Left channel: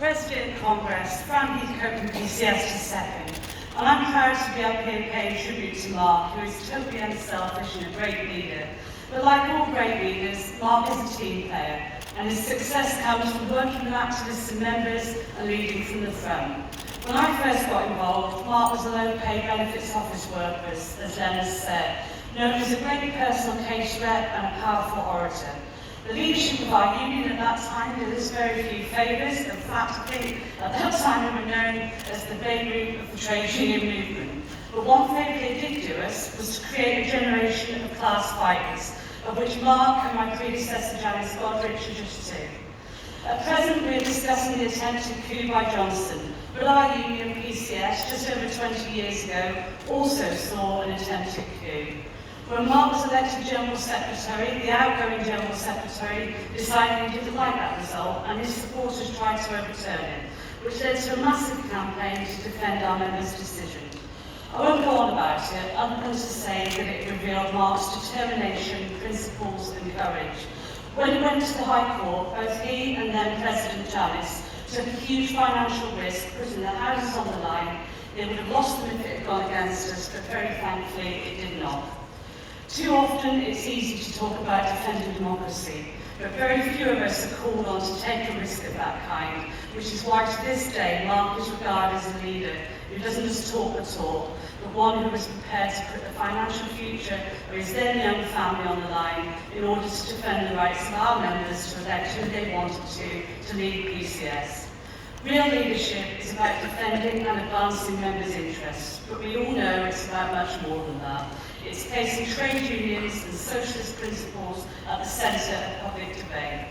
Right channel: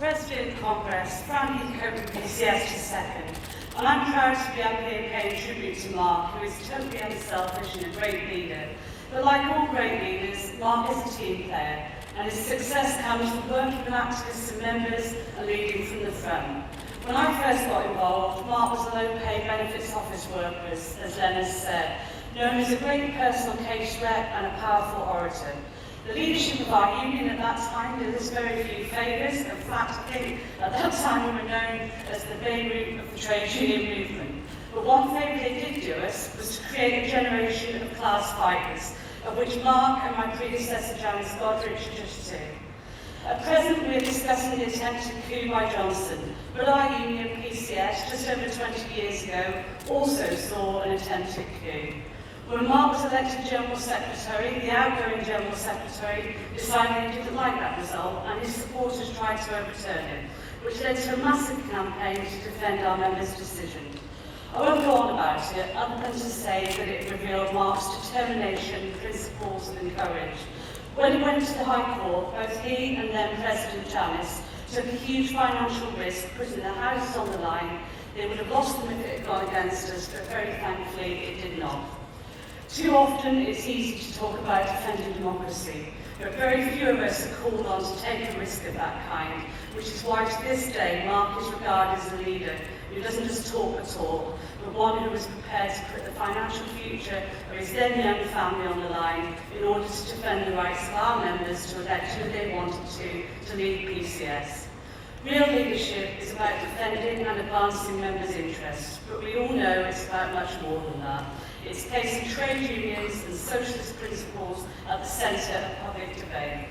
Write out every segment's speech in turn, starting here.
President Congress, Fran Heathcote from PCS second, and I'm proud to be up here paying tribute to Mark, who is totally unselfish and a great leader. But like all great leaders, Mark is a team player, and his success comes from working with activists and members and leading from the front. When I first got involved, Mark was a low-paid benefits office worker, as Leonard said, known as a great personal case rep and a powerful orator. The leadership of our union at that time did us very few favours. In fact, I think at that time we were known as the Beirut of the trade union movement. But one favour they did do us was to create a generation of class fighters, of which Mark and my predecessor Janice Godrich are just two. At present, we are discussing the attempted coup by Johnson, but our union, PCS, just over 20 years ago, also saw an attempted coup. When Mark was elected General Secretary, the outgoing General Secretary decided he didn't like that result, and his supporters tried to overturn it, which led to a massive campaign to defend our members' decision. I won't go on about it, other than to say that it revealed Mark's determination, principles and courage. When he went to the High Court, both he and then President Janice took a huge financial risk, putting their houses on the line. They would have lost them if it had gone against us, but very thankfully it did not. Too often it's easy to talk about defending democracy, but very few of us are called on to take a risk of that kind, which is why to this day Mark is regarded as a leader who doesn't just talk the talk, but one who is prepared to put the financial future of his then young family on the line in order to defend the rights of our members to elect who they wanted to lead PCS. Real leadership is about defending and advancing members' interests, but we all know it's about much more than that. It's placing trade unions and socialist principles at the centre of public debate.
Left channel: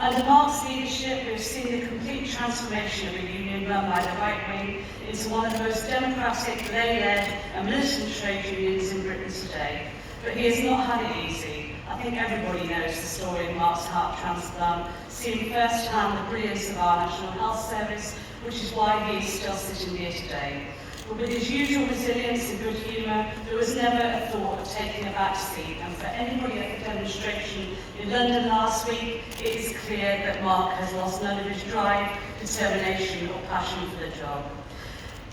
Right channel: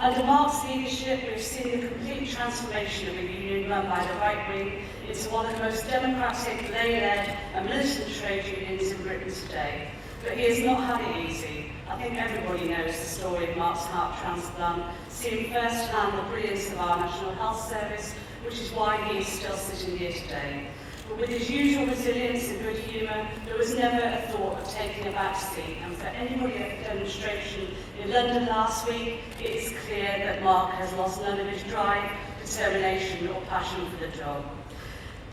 Under Mark's leadership, we have seen the complete transformation of a union run by the right wing into one of the most democratic, lay-led and militant trade unions in Britain today. But he has not had it easy. I think everybody knows the story of Mark's heart transplant, seeing firsthand the brilliance of our National Health Service, which is why he is still sitting here today. But with his usual resilience and good humour, there was never a thought of taking a back seat. And for anybody at the demonstration in London last week, it is clear that Mark has lost none of his drive, determination or passion for the job.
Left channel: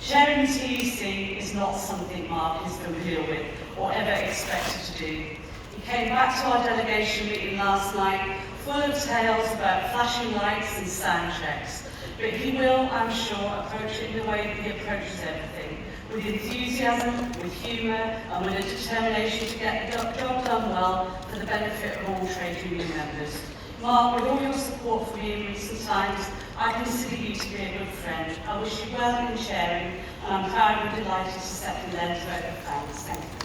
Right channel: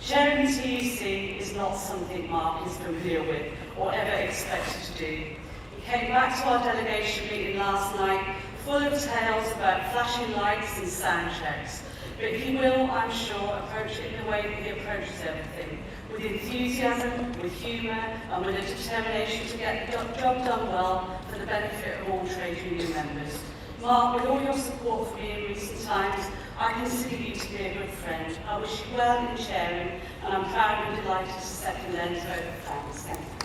Chairing the TUC is not something Mark is familiar with or ever expected to do. He came back to our delegation meeting last night full of tales about flashing lights and sound checks. But he will, I'm sure, approach it in the way that he approaches everything, with enthusiasm, with humour, and with a determination to get the job done well for the benefit of all trade union members. Mark, with all your support for me in recent times, I consider you to be a good friend. I wish you well in chairing, and I'm proud and delighted to second Len's vote of thanks. Thank you.